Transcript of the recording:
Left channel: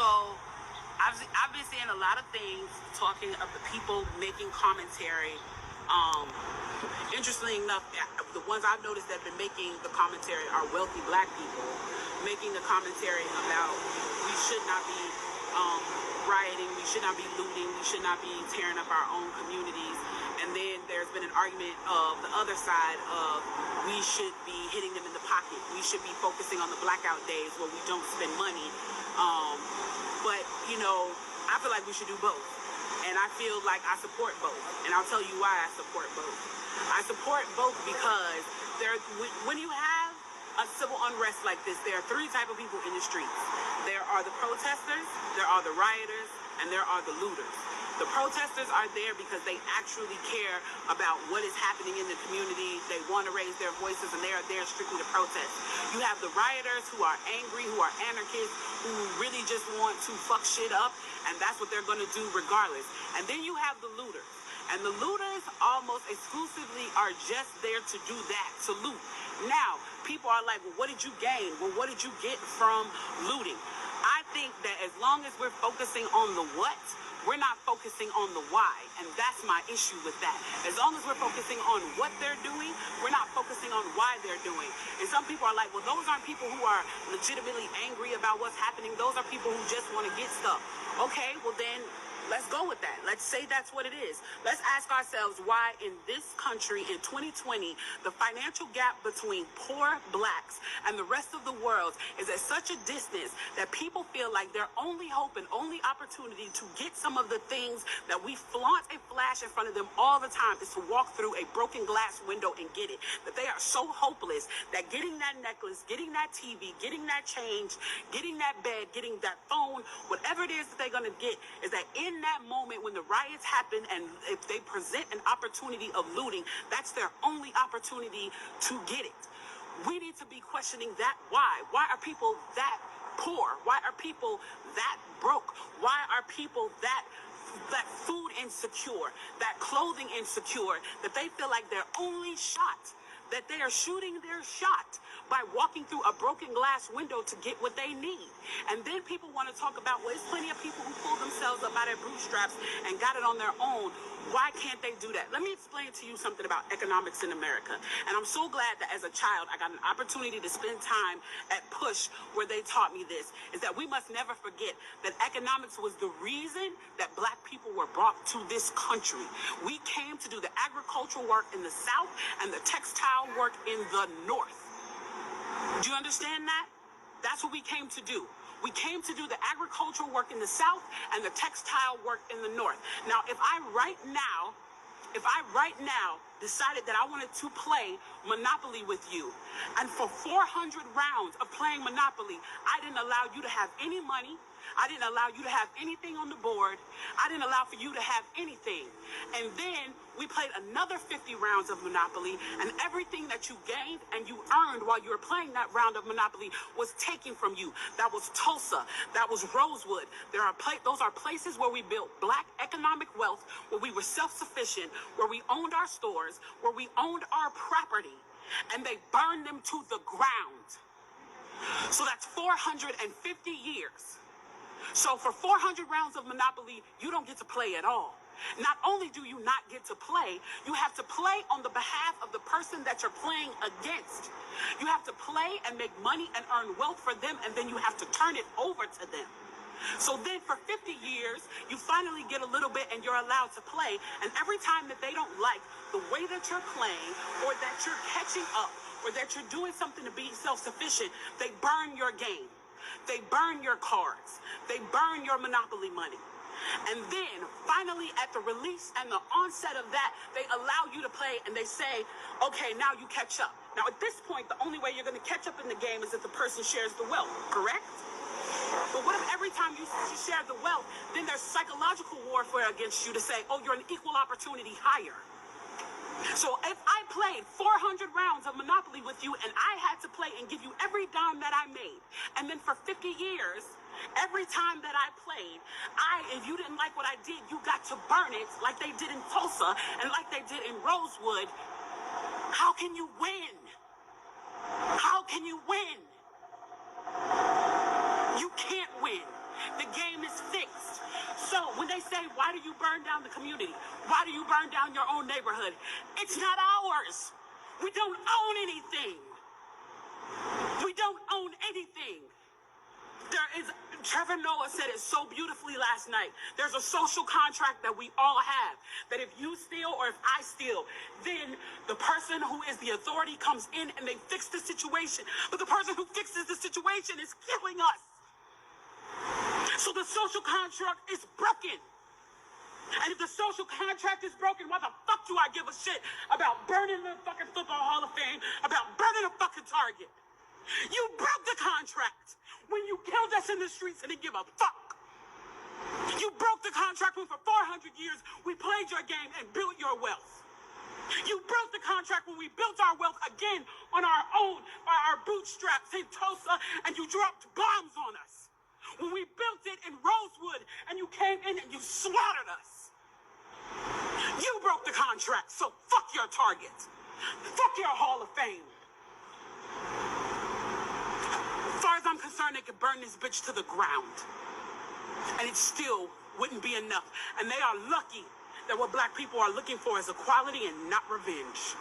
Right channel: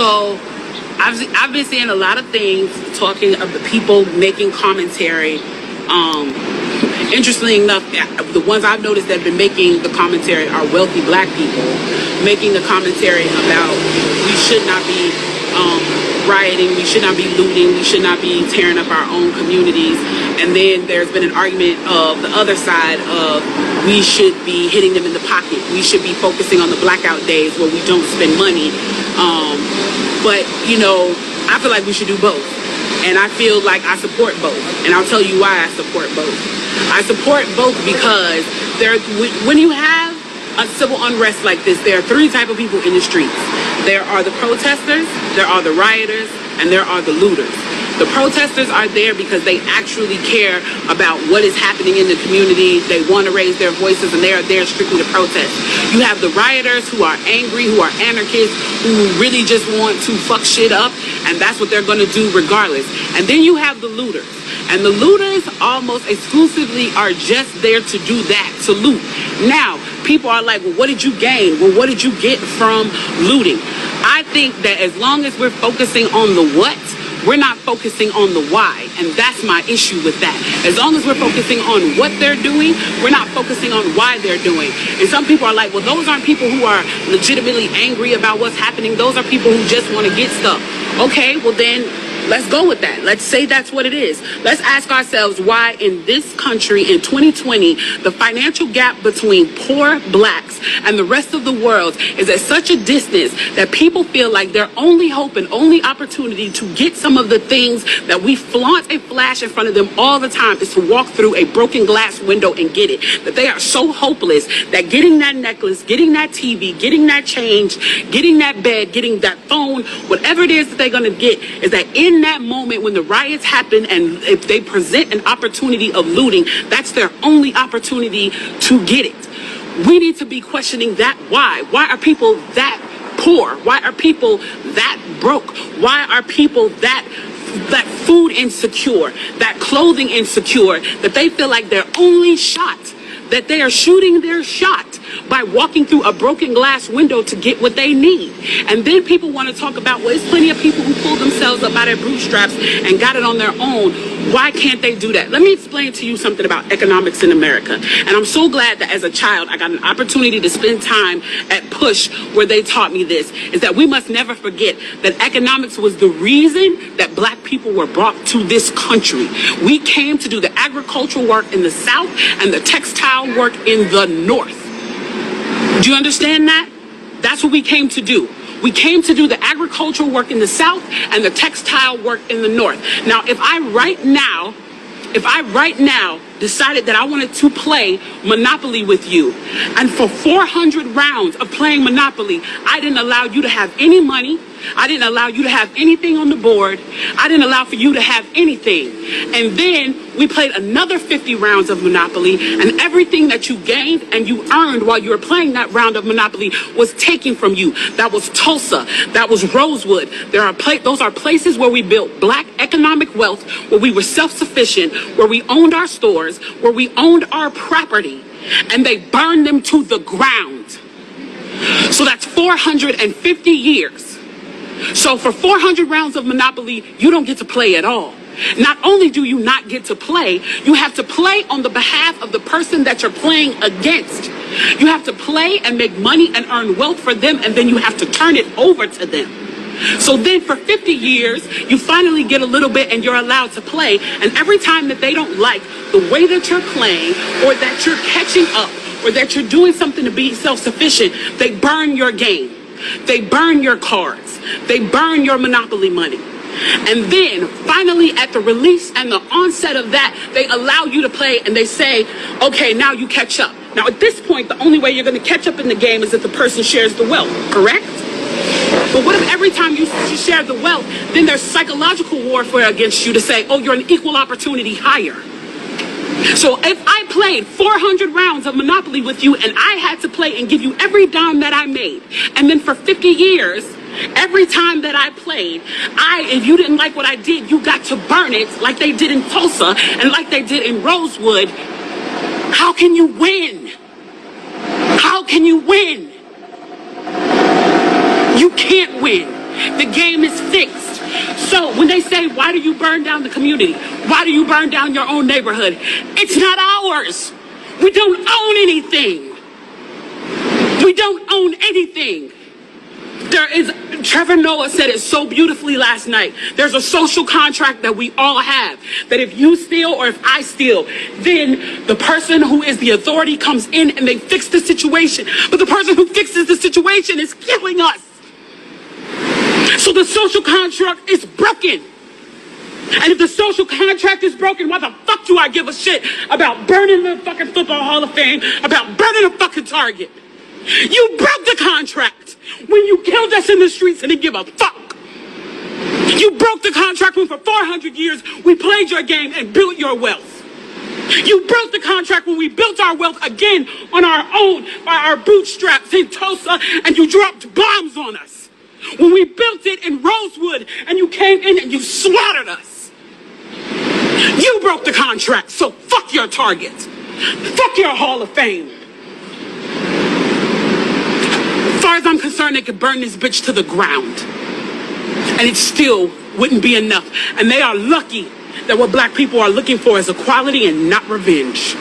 So I've been seeing a lot of things talking of the people making commentary. Interestingly enough, the ones I've noticed that have been making the commentary are wealthy black people making the commentary about we should not be rioting, we should not be looting, we should not be tearing up our own communities. And then there's been an argument of the other side of we should be hitting them in the pocket. We should be focusing on the blackout days where we don't spend money. But, you know, I feel like we should do both. And I feel like I support both. And I'll tell you why I support both. I support both because when you have a civil unrest like this, there are three types of people in the streets. There are the protesters, there are the rioters, and there are the looters. The protesters are there because they actually care about what is happening in the community. They want to raise their voices, and they are there strictly to protest. You have the rioters who are angry, who are anarchists, who really just want to fuck shit up, and that's what they're going to do regardless. And then you have the looters. And the looters almost exclusively are just there to do that, to loot. Now, people are like, well, what did you gain? Well, what did you get from looting? I think that as long as we're focusing on the what, we're not focusing on the why, and that's my issue with that. As long as we're focusing on what they're doing, we're not focusing on why they're doing. And some people are like, well, those aren't people who are legitimately angry about what's happening. Those are people who just want to get stuff. Okay, well then, let's go with that. Let's say that's what it is. Let's ask ourselves why in this country in 2020, the financial gap between poor blacks and the rest of the world is at such a distance that people feel like their only hope and only opportunity to get some of the things that we flaunt and flash in front of them all the time is to walk through a broken glass window and get it. That they are so hopeless that getting that necklace, getting that TV, getting that change, getting that bed, getting that phone, whatever it is that they're going to get, is that in that moment when the riots happen and if they present an opportunity of looting, that's their only opportunity to get it. We need to be questioning that why. Why are people that poor? Why are people that broke? Why are people that food insecure, that clothing insecure, that they feel like their only shot, that they are shooting their shot by walking through a broken glass window to get what they need. And then people want to talk about, well, there's plenty of people who pulled themselves up by their bootstraps and got it on their own. Why can't they do that? Let me explain to you something about economics in America. And I'm so glad that as a child, I got an opportunity to spend time at Push where they taught me this, is that we must never forget that economics was the reason that black people were brought to this country. We came to do the agricultural work in the South and the textile work in the North. Do you understand that? That's what we came to do. We came to do the agricultural work in the South and the textile work in the North. Now, if I right now decided that I wanted to play Monopoly with you, and for 400 rounds of playing Monopoly, I didn't allow you to have any money, I didn't allow you to have anything on the board, I didn't allow for you to have anything. And then we played another 50 rounds of Monopoly, and everything that you gained and you earned while you were playing that round of Monopoly was taken from you. That was Tulsa, that was Rosewood. Those are places where we built black economic wealth, where we were self-sufficient, where we owned our stores, where we owned our property, and they burned them to the ground. So that's 450 years. So for 400 rounds of Monopoly, you don't get to play at all. Not only do you not get to play, you have to play on the behalf of the person that you're playing against. You have to play and make money and earn wealth for them, and then you have to turn it over to them. So then for 50 years, you finally get a little bit and you're allowed to play. And every time that they don't like the way that you're playing, or that you're catching up, or that you're doing something to be self-sufficient, they burn your game. They burn your cards. They burn your Monopoly money. And then finally at the release and the onset of that, they allow you to play and they say, okay, now you catch up. Now at this point, the only way you're going to catch up in the game is if the person shares the wealth, correct? But what if every time you share the wealth, then there's psychological warfare against you to say, oh, you're an equal opportunity hire. So if I played 400 rounds of Monopoly with you and I had to play and give you every dime that I made, and then for 50 years, every time that I played, if you didn't like what I did, you got to burn it like they did in Tulsa and like they did in Rosewood. How can you win? How can you win? You can't win. The game is fixed. So when they say, why do you burn down the community? Why do you burn down your own neighborhood? It's not ours. We don't own anything. We don't own anything. Trevor Noah said it so beautifully last night. There's a social contract that we all have. That if you steal or if I steal, then the person who is the authority comes in and they fix the situation. But the person who fixes the situation is killing us. So the social contract is broken. And if the social contract is broken, why the fuck do I give a shit about burning the fucking Football Hall of Fame, about burning a fucking Target? You broke the contract when you killed us in the streets and didn't give a fuck. You broke the contract when for 400 years we played your game and built your wealth. You broke the contract when we built our wealth again on our own by our bootstraps in Tulsa and you dropped bombs on us. When we built it in Rosewood and you came in and you slaughtered us. You broke the contract, so fuck your Target. Fuck your Hall of Fame. As far as I'm concerned, they could burn this bitch to the ground. And it still wouldn't be enough. And they are lucky that what black people are looking for is equality and not revenge.